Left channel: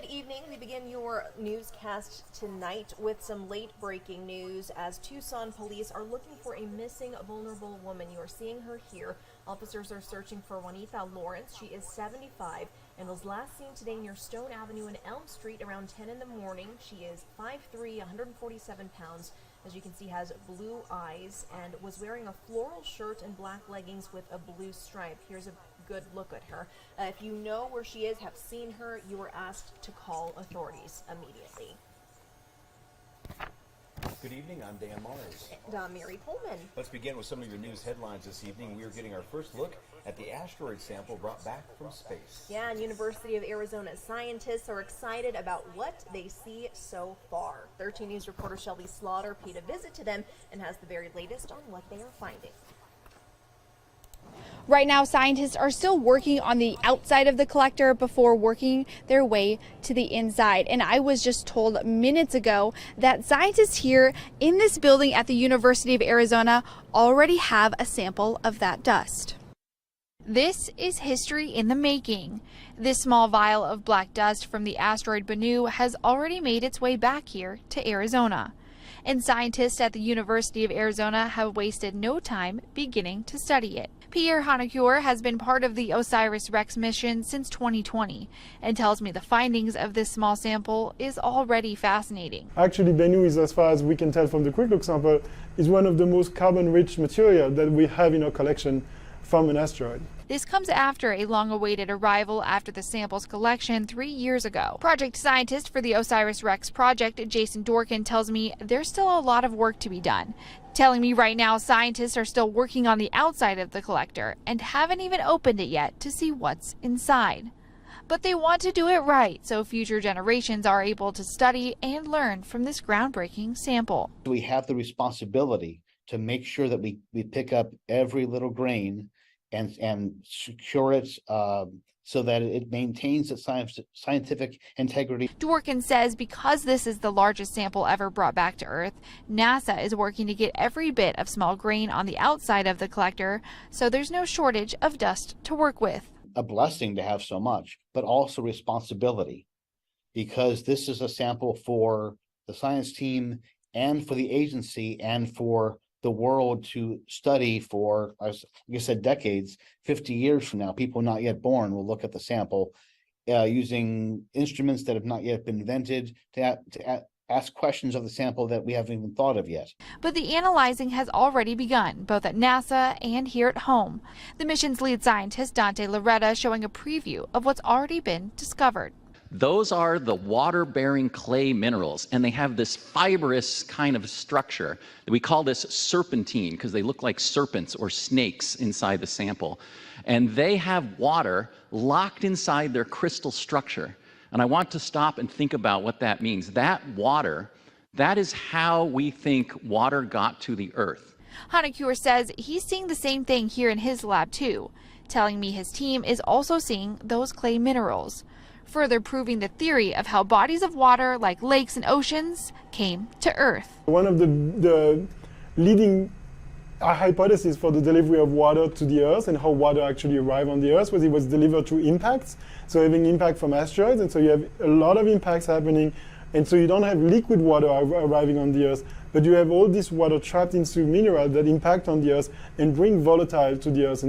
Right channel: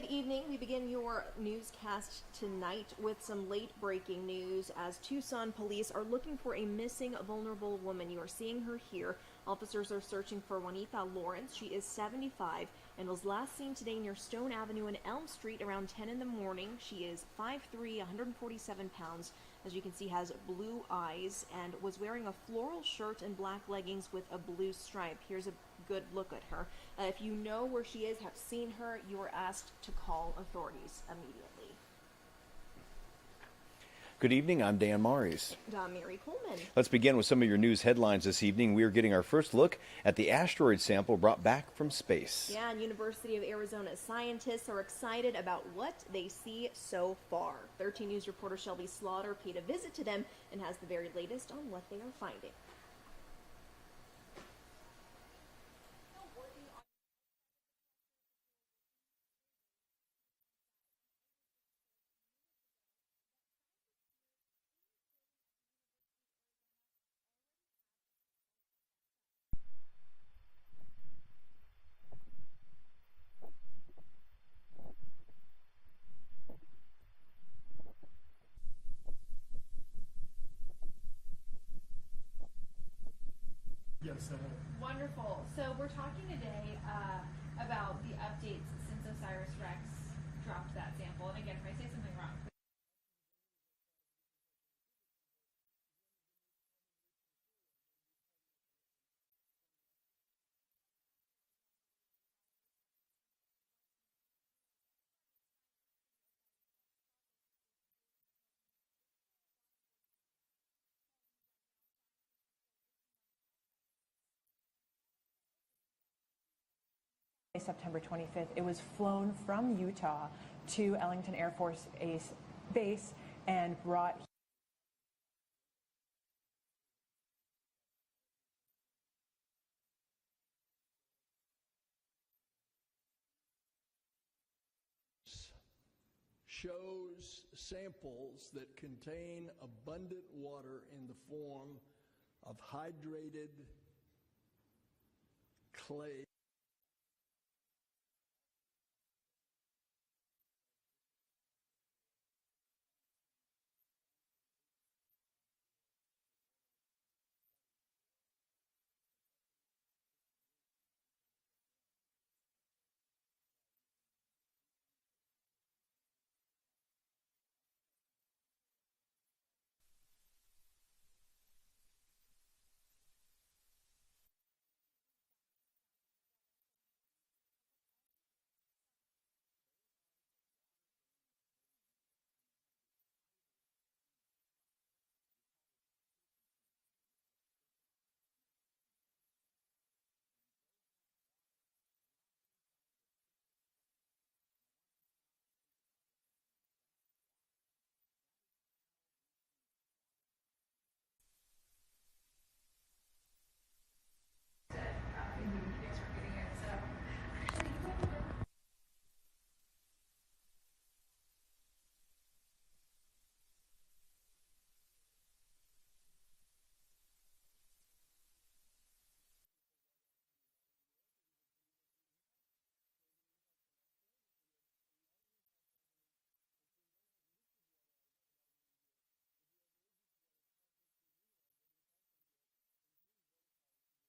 Good evening. We begin your newscast tonight with some late breaking news as Tucson police are looking for a missing vulnerable woman. You are seeing her here. Officers are searching for Juanita Lawrence. She is 75 and was last seen today near Stone Avenue and Elm Street around 10 in the morning. She is 5'3", 147 pounds. As you can see, has blue eyes and was wearing a floral shirt and black leggings with a blue stripe. Here's a good look at her. If you know where she is, have seen her, you are asked to call authorities immediately. Good evening, I'm Dan Maries. And I'm Mary Coleman. Let's begin with some of your news headlines this evening. We are getting our first look at the asteroid sample brought back from space. Yeah, and University of Arizona scientists are excited about what they see so far. 13 News reporter Shelby Slaughter paid a visit to them and has the very latest on what they are finding. Right now, scientists are still working on the outside of the collector before working their way to the inside. And I was just told minutes ago that scientists here in this building at the University of Arizona already have a sample of that dust. This is history in the making. This small vial of black dust from the asteroid Bennu has already made its way back here to Arizona. And scientists at the University of Arizona have wasted no time beginning to study it. Pierre Hanacure has been part of the OSIRIS-REx mission since 2020 and tells me the findings of this small sample is already fascinating. Actually, Bennu is, as far as we can tell from the quick look sample, is one of the most carbon-rich material that we have in our collection from an asteroid. This comes after a long-awaited arrival after the sample's collection 3 years ago. Project scientist for the OSIRIS-REx project, Jason Dorkin, tells me there's still a lot of work to be done. Telling me right now scientists are still working on the outside of the collector and haven't even opened it yet to see what's inside. But they want to do it right so future generations are able to study and learn from this groundbreaking sample. We have the responsibility to make sure that we pick up every little grain and secure it so that it maintains its scientific integrity. Dworkin says because this is the largest sample ever brought back to Earth, NASA is working to get every bit of small grain on the outside of the collector so there's no shortage of dust to work with. A blessing to have so much, but also responsibility, because this is a sample for the science team and for the agency and for the world to study for, like I said, decades. 50 years from now, people not yet born will look at the sample using instruments that have not yet been invented to ask questions of the sample that we haven't even thought of yet. But the analyzing has already begun, both at NASA and here at home. The mission's lead scientist, Dante Loretta, showing a preview of what's already been discovered. Those are the water-bearing clay minerals, and they have this fibrous kind of structure. We call this serpentine because they look like serpents or snakes inside the sample. And they have water locked inside their crystal structure. And I want to stop and think about what that means. That water, that is how we think water got to the Earth. Hanacure says he's seeing the same thing here in his lab too, telling me his team is also seeing those clay minerals, further proving the theory of how bodies of water like lakes and oceans came to Earth. One of the leading hypotheses for the delivery of water to the Earth and how water actually arrived on the Earth was it was delivered through impacts, so having impact from asteroids, and so you have a lot of impacts happening, and so you don't have liquid water arriving on the Earth, but you have all this water trapped into minerals that impact on the Earth and bring volatile to the Earth.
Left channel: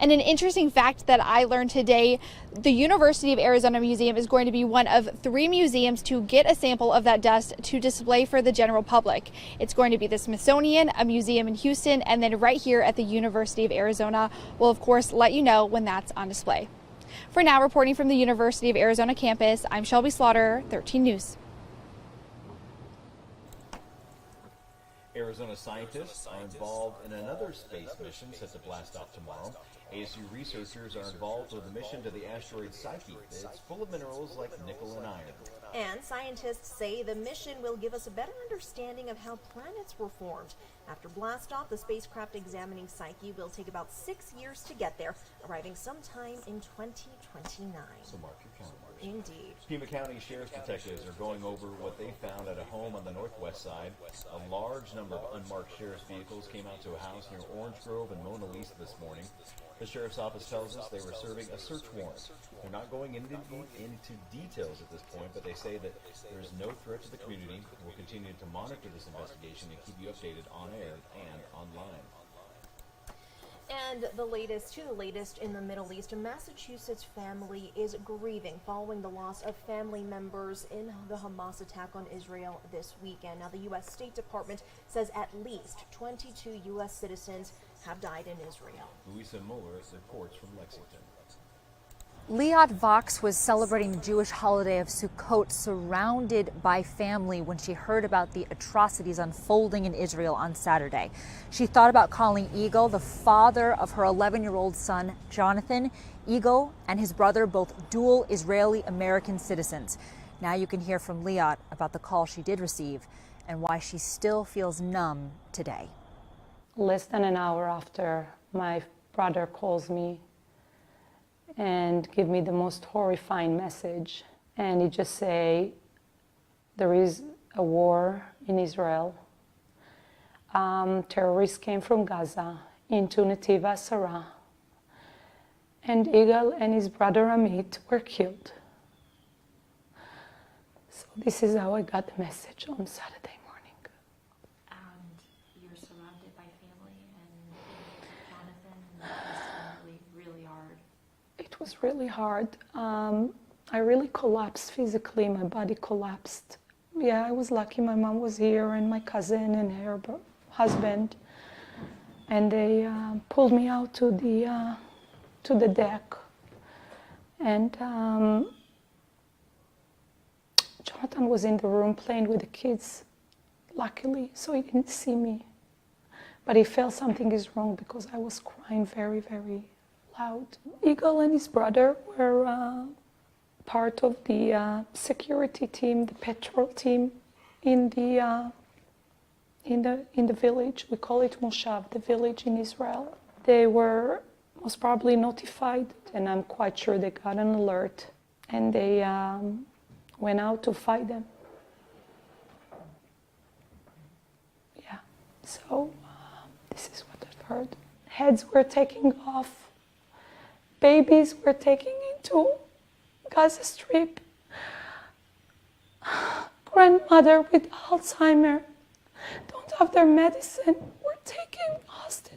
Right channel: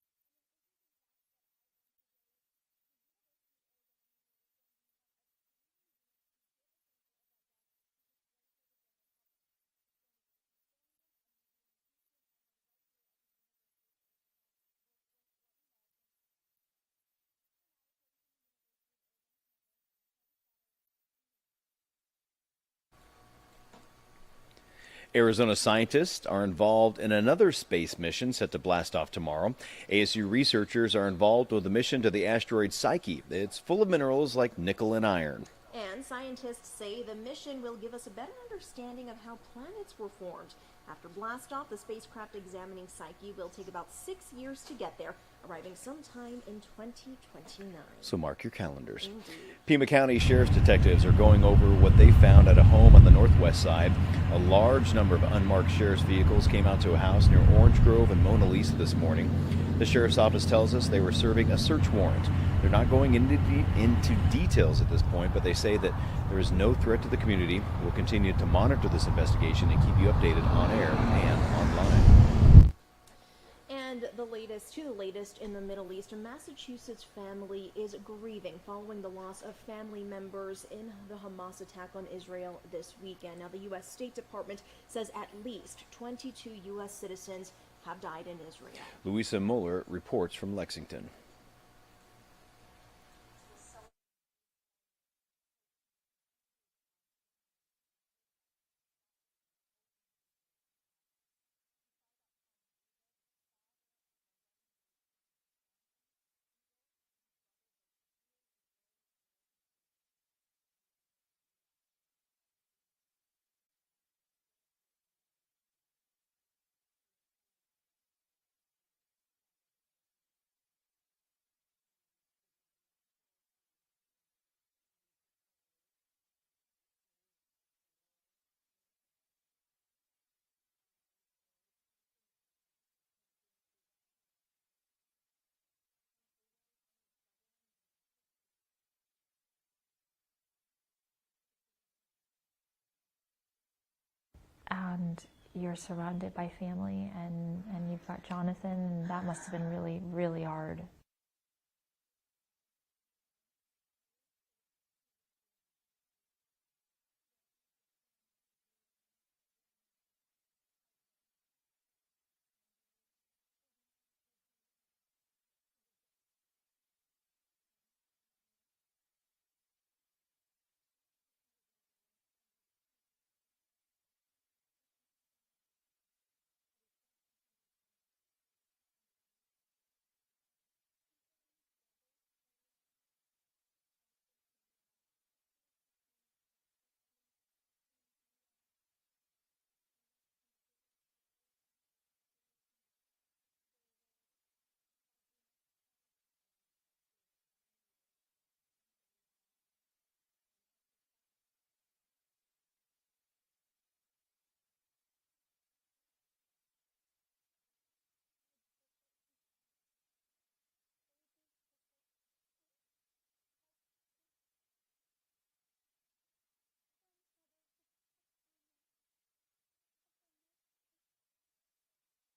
And an interesting fact that I learned today, the University of Arizona Museum is going to be one of 3 museums to get a sample of that dust to display for the general public. It's going to be the Smithsonian, a museum in Houston, and then right here at the University of Arizona. We'll, of course, let you know when that's on display. For now, reporting from the University of Arizona campus, I'm Shelby Slaughter, 13 News. Arizona scientists are involved in another space mission set to blast off tomorrow. ASU researchers are involved with a mission to the asteroid Psyche. It's full of minerals like nickel and iron. And scientists say the mission will give us a better understanding of how planets were formed. After blastoff, the spacecraft examining Psyche will take about 6 years to get there. arriving sometime in 2029. So mark your calendars. Indeed. Pima County Sheriff's detectives are going over what they found at a home on the northwest side. A large number of unmarked sheriff's vehicles came out to a house near Orange Grove and Mona Lisa this morning. The sheriff's office tells us they were serving a search warrant. They're not going into details at this point, but they say that there is no threat to the community. We'll continue to monitor this investigation and keep you updated on air and online. And the latest in the Middle East, a Massachusetts family is grieving following the loss of family members in the Hamas attack on Israel this weekend. Now, the U.S. State Department says at least 22 U.S. citizens have died in Israel. Louisa Mueller reports from Lexington. Liat Vox was celebrating the Jewish holiday of Sukkot surrounded by family when she heard about the atrocities unfolding in Israel on Saturday. She thought about calling Eagle, the father of her 11-year-old son, Jonathan. Eagle and his brother, both dual Israeli-American citizens. Now you can hear from Liat about the call she did receive and why she still feels numb today. Less than an hour after, my brother calls me and give me the most horrifying message. And he just say, there is a war in Israel. Terrorists came from Gaza into Netiv HaSara. And Igal and his brother Amit were killed. So this is how I got the message on Saturday morning. And you're surrounded by family and you've got Jonathan. That must have been really, really hard. It was really hard. I really collapsed physically. My body collapsed. Yeah, I was lucky. My mom was here and my cousin and her husband. And they pulled me out to the deck. And Jonathan was in the room playing with the kids, luckily, so he didn't see me. But he felt something is wrong because I was crying very, very loud. Eagle and his brother were part of the security team, the patrol team in the village. We call it Moshav, the village in Israel. They were most probably notified, and I'm quite sure they got an alert, and they went out to fight them. Yeah, so this is what I've heard. Heads were taking off. Babies were taken into Gaza Strip. Grandmother with Alzheimer don't have their medicine. Were taken hostage.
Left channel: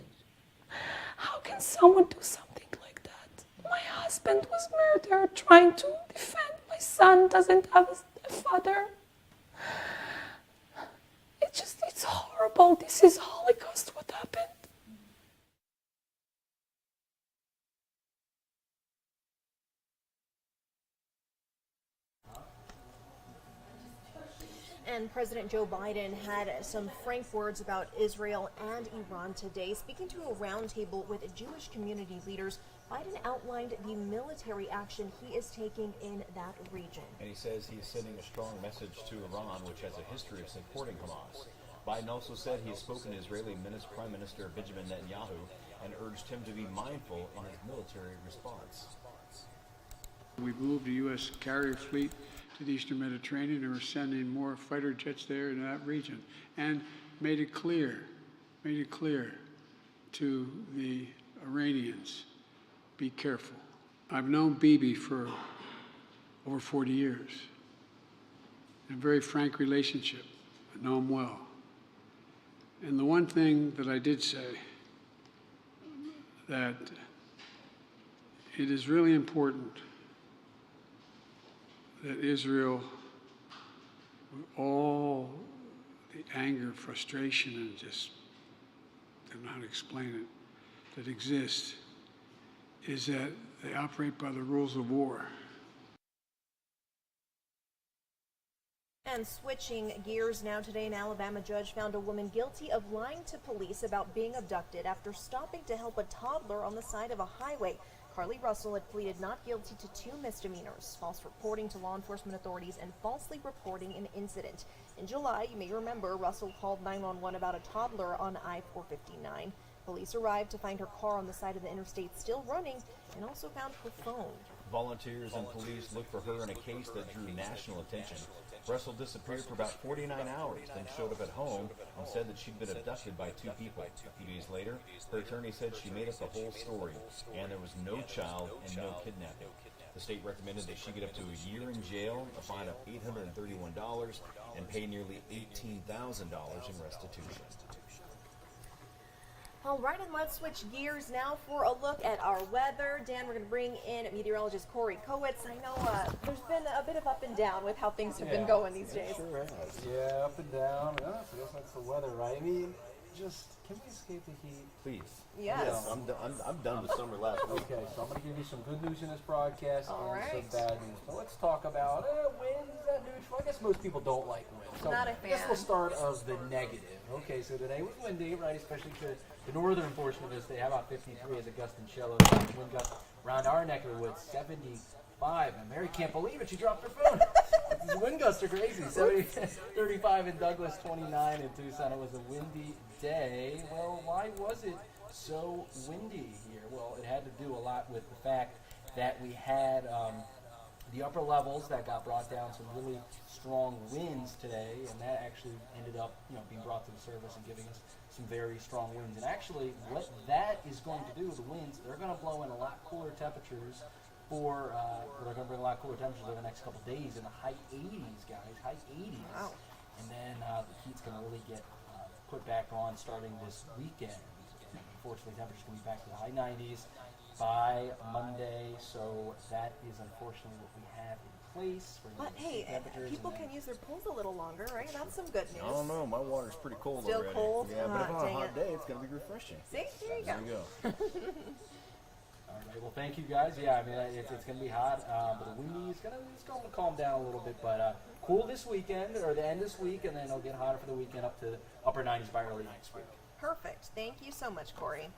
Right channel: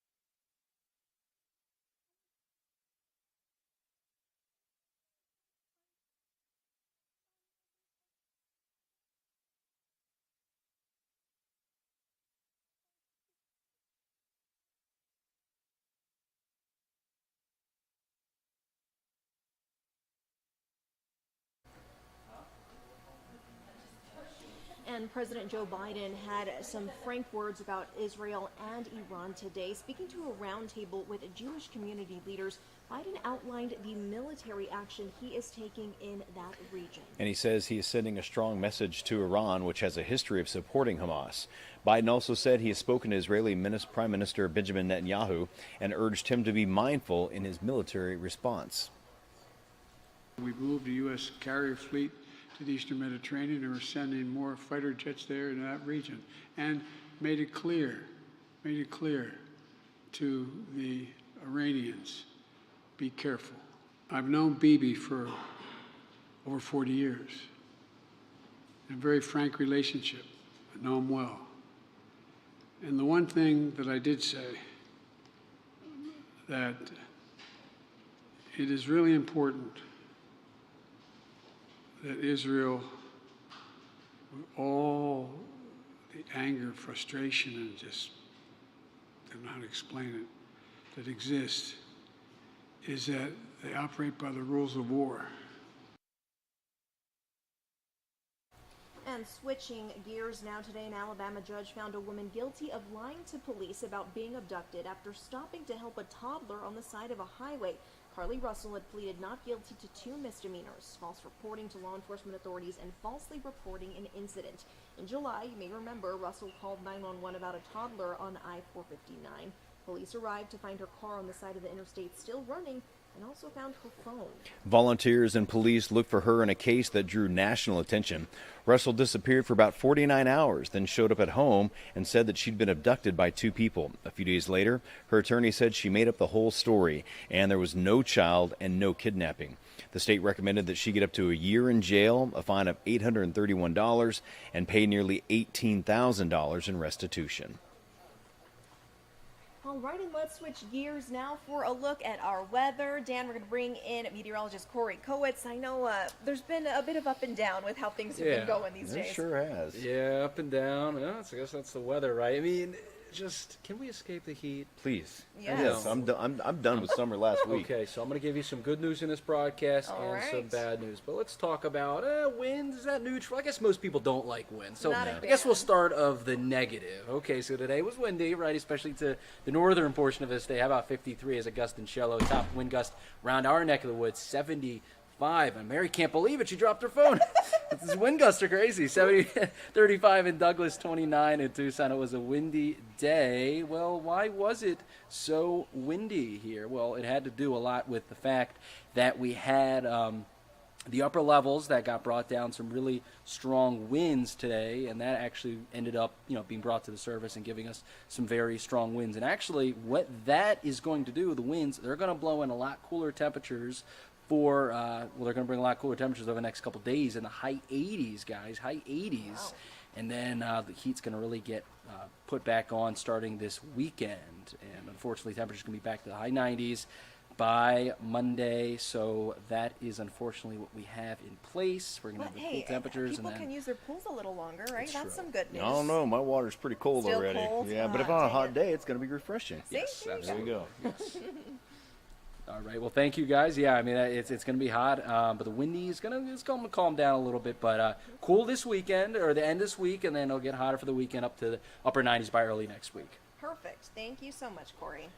How can someone do something like that? My husband was murdered trying to defend my son, doesn't have a father. It's horrible. This is Holocaust, what happened. And President Joe Biden had some frank words about Israel and Iran today. Speaking to a roundtable with Jewish community leaders, Biden outlined the military action he is taking in that region. And he says he is sending a strong message to Iran, which has a history of supporting Hamas. Biden also said he has spoken to Israeli Prime Minister Benjamin Netanyahu and urged him to be mindful in his military response. We've moved the U.S. carrier fleet to the Eastern Mediterranean, and we're sending more fighter jets there in that region, and made it clear to the Iranians, be careful. I've known Bibi for over 40 years, in a very frank relationship. I know him well. And the one thing that I did say, that it is really important that Israel, with all the anger, frustration, and just don't know how to explain it, that exists, is that they operate by the rules of war. And switching gears now, today, an Alabama judge found a woman guilty of lying to police about being abducted after stopping to help a toddler on the side of a highway. Carly Russell had pleaded not guilty to 2 misdemeanors: false reporting to law enforcement authorities and falsely reporting an incident. In July, you may remember, Russell called 911 about a toddler on I-459. Police arrived to find her car on the side of the interstate still running and also found her phone. Volunteers and police looked for her in a case that drew national attention. Russell disappeared for about 49 hours, then showed up at home and said that she'd been abducted by 2 people. A few days later, her attorney said she made up the whole story and there was no child and no kidnapping. The state recommended that she get up to a year in jail, a fine of $831, and pay nearly $18,000 in restitution. All right, and let's switch gears now for a look at our weather. Dan, we're going to bring in meteorologist Corey Kowitz. I know there's been a bit of up and down with how things have been going these days. It sure has. Yeah, up and down. Yeah, I guess that's the weather, right? I mean, just, can we escape the heat? Please. Yes. I'm done with summer last week. Okay, so I'm going to give you some good news in this broadcast and some bad news. But let's talk about winds. Is that neutral? I guess most people don't like wind. So Not a I guess fan. we'll start of the negative. Okay, so today was windy, right? Especially to the northern portion of this day. How about 53 as a gust and shallow? Top wind gust around our neck of the woods, 75. And Mary can't believe it. She dropped her phone. These wind gusts are crazy. 35 in Douglas, 29 in Tucson. It was a windy day. Well, why was it so windy here? Well, it had to do a lot with the fact that we had the upper levels that got brought down, some really strong winds today, and that actually ended up, being brought to the surface and giving us some very strong winds. And actually, what that is going to do, the winds, they're going to blow in a lot cooler temperatures they're going to bring a lot cooler temperatures over the next couple days in the high 80s, guys, high 80s. Wow. And then the heat's going to really get put back on starting this weekend. And unfortunately, temperatures can be back to the high 90s by Monday. So that is unfortunately what we have in place. We're going to have the temperatures. People can use their pools a little longer, right? That's some good news. I don't know. My water's pretty cold Still already. Cold? Yeah, but if on a hot day, it's going to be refreshing. See? There you go. All right. Well, thank you, guys. Yeah, I mean, it's going to be hot, but the windy is going to calm down a little bit. But cool this weekend, or the end this week, and then it'll get hotter for the weekend up to the upper 90s by early next week. Perfect. Thank you so much, Corey.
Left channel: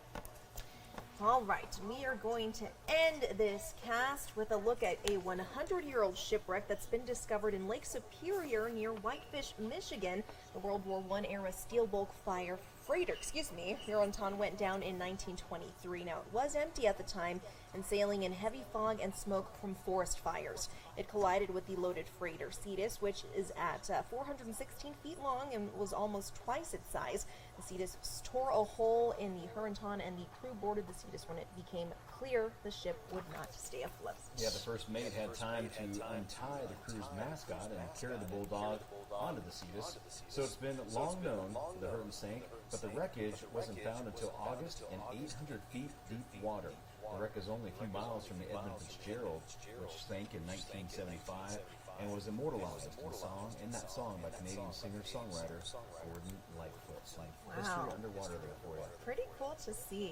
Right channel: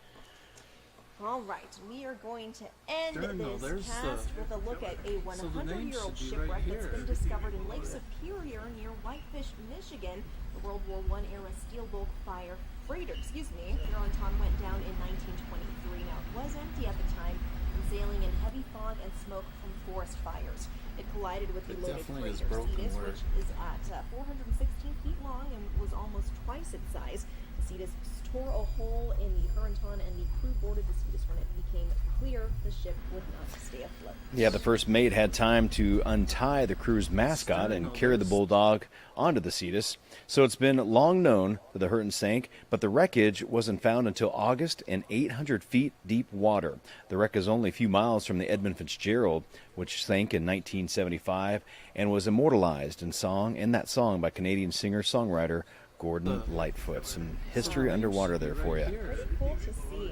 All right, we are going to end this cast with a look at a 100-year-old shipwreck that's been discovered in Lake Superior near Whitefish, Michigan. The World War I era steel bulk freighter, Huronton went down in 1923. Now, it was empty at the time and sailing in heavy fog and smoke from forest fires. It collided with the loaded freighter Cetus, which is at 416 feet long and was almost twice its size. The Cetus tore a hole in the Huronton, and the crew boarded the Cetus when it became clear the ship would not stay afloat. Yeah, the first mate had time to untie the crew's mascot and carry the bulldog onto the Cetus. So it's been long known that the Hurton sank, but the wreckage wasn't found until August in 800 feet deep water. The wreck is only a few miles from the Edmund Fitzgerald, which sank in 1975 and was immortalized in that song by Canadian singer-songwriter Gordon Lightfoot. Some history underwater there for you. Pretty cool to see.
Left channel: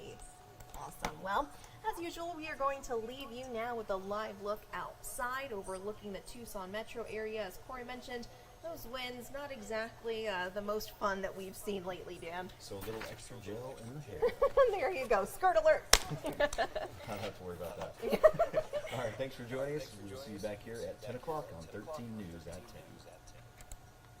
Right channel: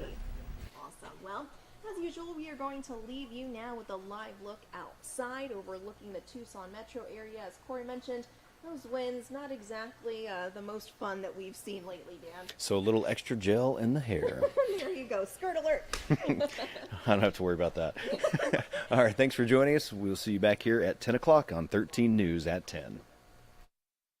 Awesome. Well, as usual, we are going to leave you now with a live look outside overlooking the Tucson metro area. As Corey mentioned, those winds, not exactly the most fun that we've seen lately, Dan. So a little extra gel in the hair. There you go. Skirt alert. I don't have to worry about that. All right, thanks for joining us. We'll see you back here at 10 o'clock on 13 News at 10.